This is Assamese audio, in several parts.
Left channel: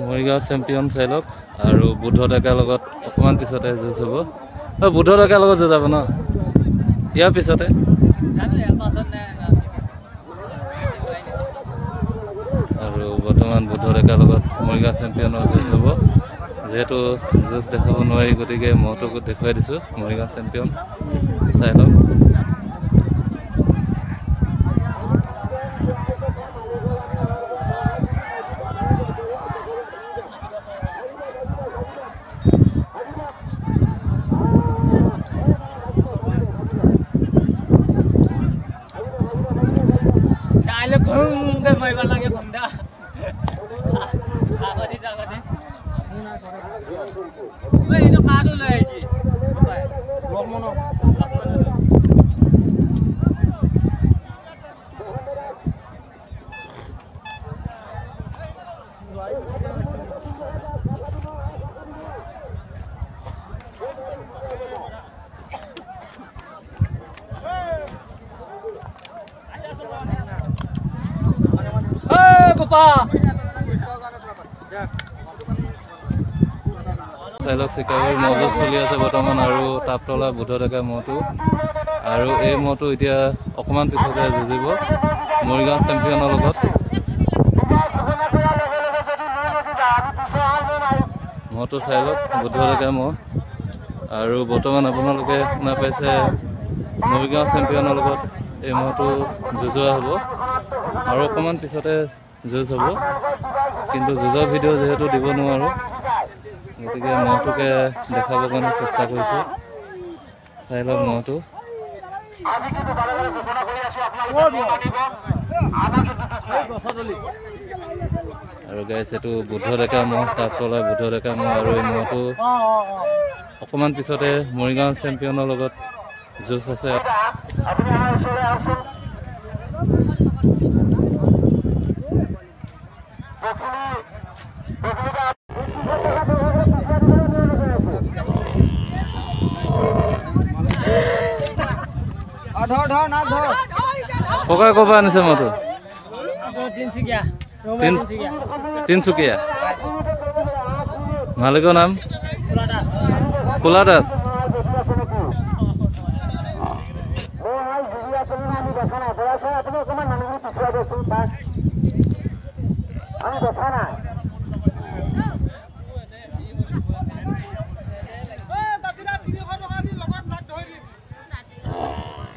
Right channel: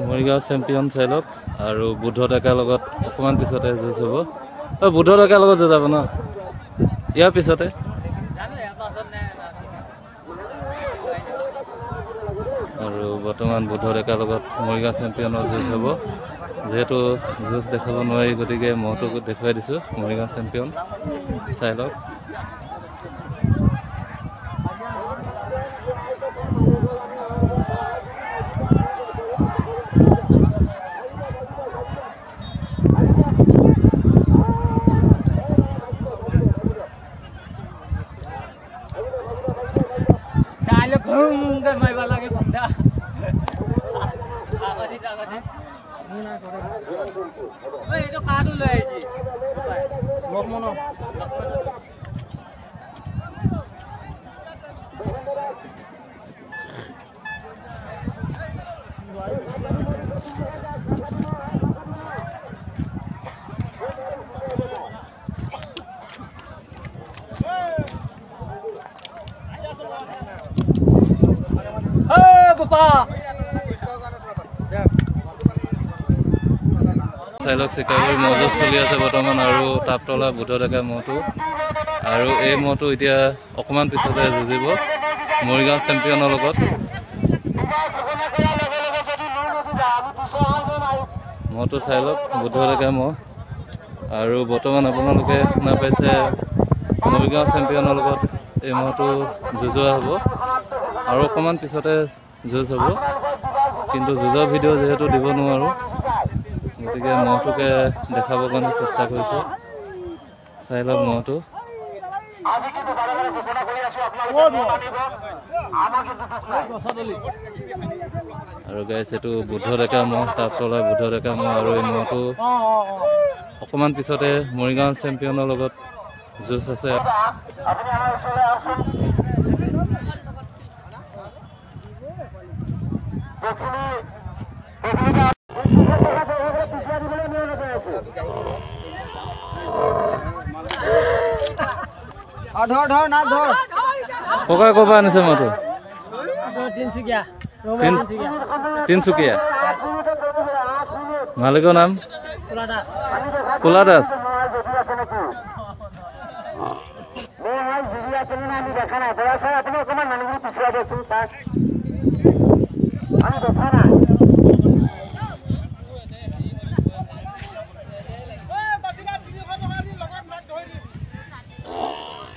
মৰিগাঁও চেম্পিয়ন চাই লওক আৰু বুদ্ধ ডেকাৰ লগত অকণমান পিছতে যুঁজ হ'ব বুদ্ধ ডেকাৰ লগত যুঁজ যাব ন ইয়াৰ পিছতে আৰু বৰ্তমান বুদ্ধ ডেকাৰ লগত মৰিগাঁও চেম্পিয়নৰ যুঁজ হ'ব যেহেতু যুঁজ দেখাব নোৱাৰি গতিকে মহটোক দেখুৱাই দিছোঁ মৰিগাঁও চেম্পিয়ন চাই লওক চাইলক চিকাগুৰি মহযুঁজ চলি আছে বৰ্তমান আৰু তাপতলা বুদ্ধ ডেকা মহটো আৰু এই মহটো এতিয়া অকণমান পিছতে যুঁজিব মৰিগাঁও চেম্পিয়নৰ লগত মহটো চাই লওক বুদ্ধ ডেকা মহ আৰু বৰ্তমান আপোনালোকে শুনা পাইছে মৰিগাঁও চেম্পিয়নৰ লগত এই মহটো যুঁজোৱা হ'ব আৰু অকণমান পিছতে যুঁজ হ'ব কিন্তু যুঁজৰ ভিডিঅ' যিহেতু দিব নোৱাৰোঁ গতিকে মহটোকে দেখাবৰ কাৰণে চেষ্টা কৰিছোঁ চাই লওক মহটো আৰু গাইছ এইটো বুদ্ধ ডেকা মহ তাপতলা বুদ্ধ ডেকা মহ আৰু এই মহটো অকণমান পিছতে মৰিগাঁও চেম্পিয়নৰ লগত যুঁজ আছে ককাই ক'ৰ পৰা আনিছে মহটো তিনচুকীয়া মালিকৰ নাম কোলা দাস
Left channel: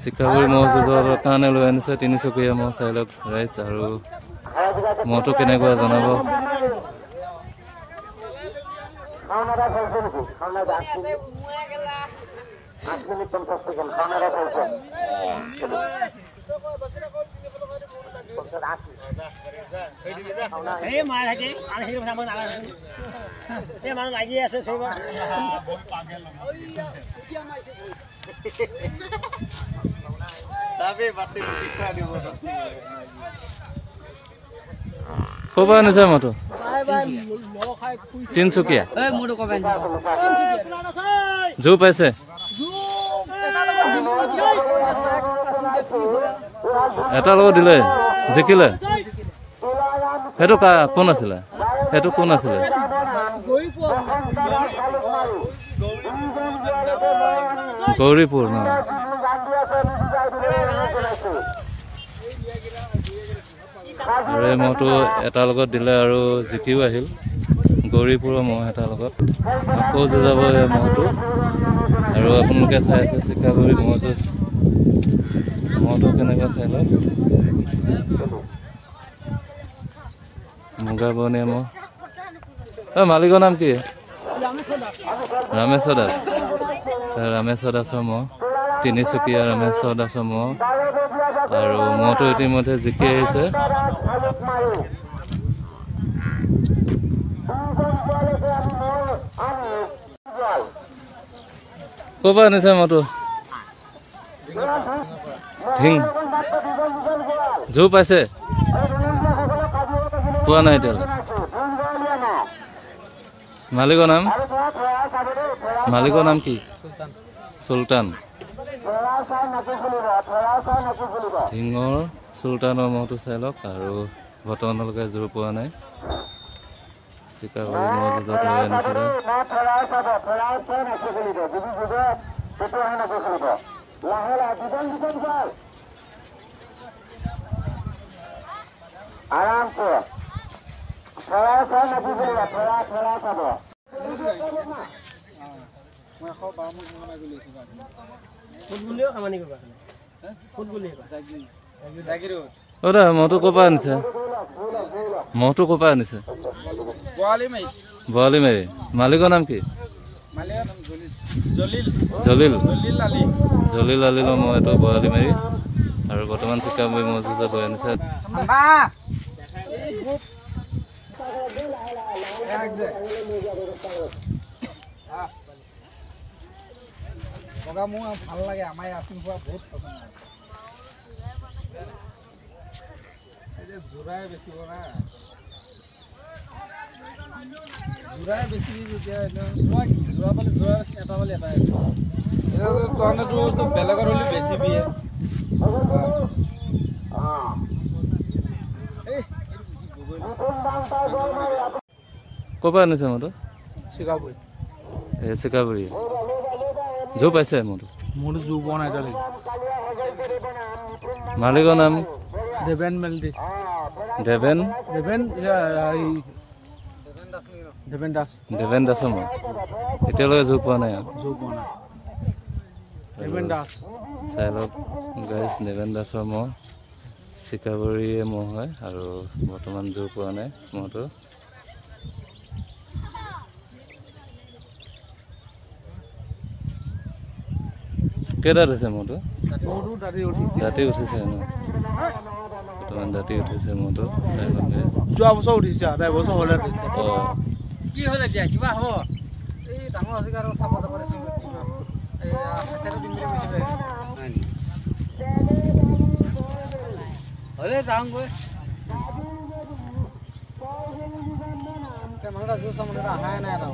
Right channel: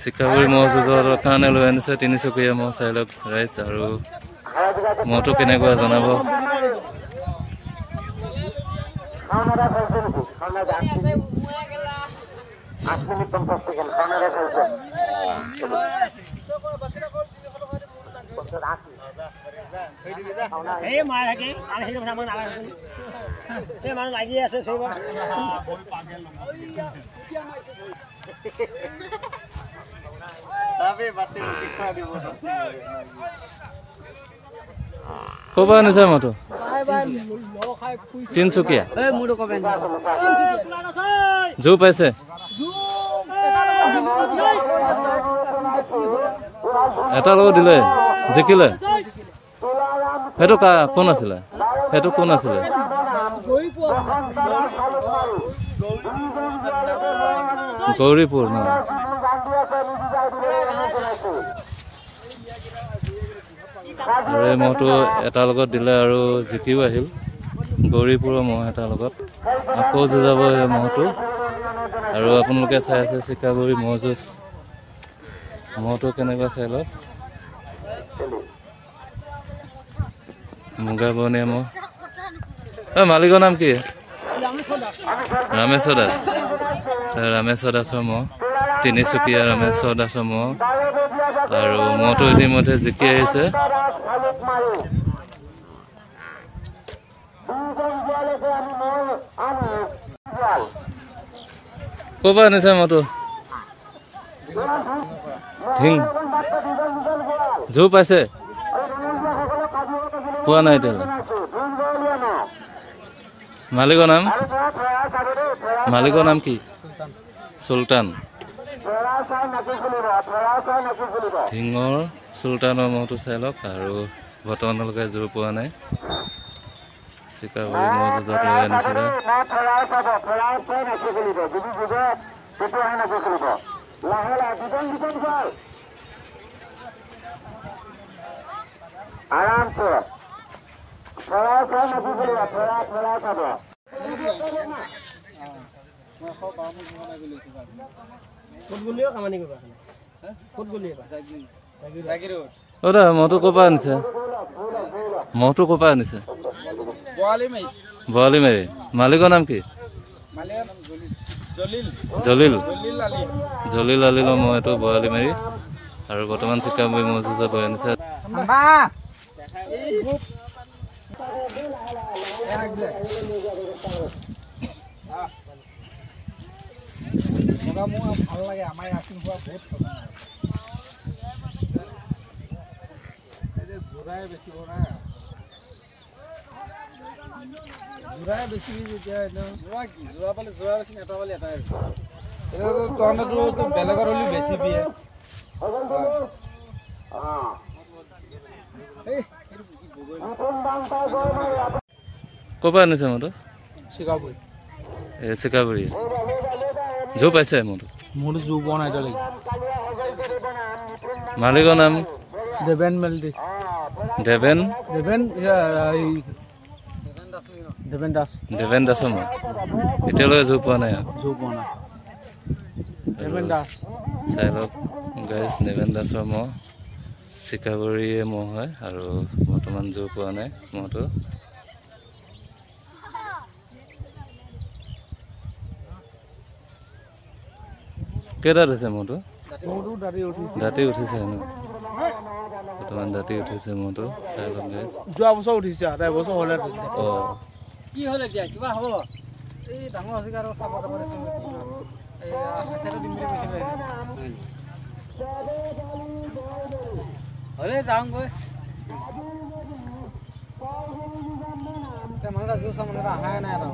চিকাগুৰি মহ যুঁজৰ কাৰণে লৈ আনিছে তিনিচুকীয়া মহ চাই লওক ৰাইজ আৰু মহটো কেনেকুৱা জনাব লাগি আছে ক'ৰ পৰা আনিছে মহটো তিনচুকীয়া জোৰ পাইছে এটাৰ লগত দিলে জিকিলে সেইটো কোন আছিলে সেইটো কোন আছিলে গৌৰীপুৰ ন আৰু এই মহটো এটাৰ লগত দিলে আৰু জিকিও আহিল গৌৰীপুৰৰ মহ এটাৰ লগত আকৌ যুঁজাব এই মহটো আৰু আপোনালোকে চাই আছে চিকাগুৰি মহ যুঁজ মহটো কেনেকুৱা চাই লওক মুগা বৰণীয়া মহ মালিকৰ নাম কি ৰামেশ্বৰ দাস ৰামেশ্বৰ দাসৰ মহ তিনিচুকীয়া ৰামেশ্বৰ দাসৰ মহ আৰু মহটো ইতিমধ্যে জিকি আহিছে ক'ৰ পৰা আনিছে মহটো ঢিং জোৰ পাইছে পোৱা নাই এতিয়ালৈ মালিকৰ নাম কি চুলতান ঢিঙৰ চুলতানৰ মহটো চাই লওক আৰু বৰ্তমানলৈকে জোৰ পোৱা নাই। চিকাবৰী ম'হ যুঁজত লৈ আনিছিলে। অ' দা মহটো ক'ৰ পৰা আনিছে? মহটো ক'ৰ পৰা আনিছে? বৰালি মাৰি। মালিকৰ নাম কি? জলিল। জলিল আলিলৰ মহ এইটো বৰালি মাৰি। আৰু বৰ্তমান চিকাবৰী ম'হ যুঁজত লৈ আনিছে। ভাল লাগে আমাৰ আছিল হোৱা বহুত জোৰাই বেছিব না জোৰাই বেছি যেতিয়া জোৰা কি জোৰা পালে জোৰা বেছি এটা পালে এটাই কাৰণেতো বেলেগৰ হ'লে বেছি দিয়ে। ক'ৰ পৰা আনিছে মহটো? চিকাবৰী। এই চিকাবৰী জোৰ পাইছে মহটো? মোৰতো জোৰ পোৱা নাই এতিয়ালৈকে। মালিকৰ নাম? দেবেন মেলদি। দেবেন দাস। দেবেন দাসৰ মহ এতিয়ালৈকে জোৰ পোৱা নাই। জোৰ পোৱা নাই। দেবেন দাস চাই লওক গাইজ, দেবেন দাসৰ মহ চিকাবৰীয়ে মহ হয় আৰু বৰ্তমান জোৰ পোৱা নাই মহটো। কেইটাত হৈছে মহটো? দাঁতি উঠিছে ন? বৰ্তমান দাঁতি উঠিছে মহটো। চাই লওক গাইজ। যোৱা বছৰ উঠিছে আৰু এবছৰ হ'লে উঠিছে। অঁ কি হ'ল এতিয়া কিবা হ'ব? এই ডাঙৰ আছে আৰু চাব যাব দিছোঁ কি হ'লে যাওঁগৈ। মানুহ এটা জোৰ চাব অহাই নাই আৰু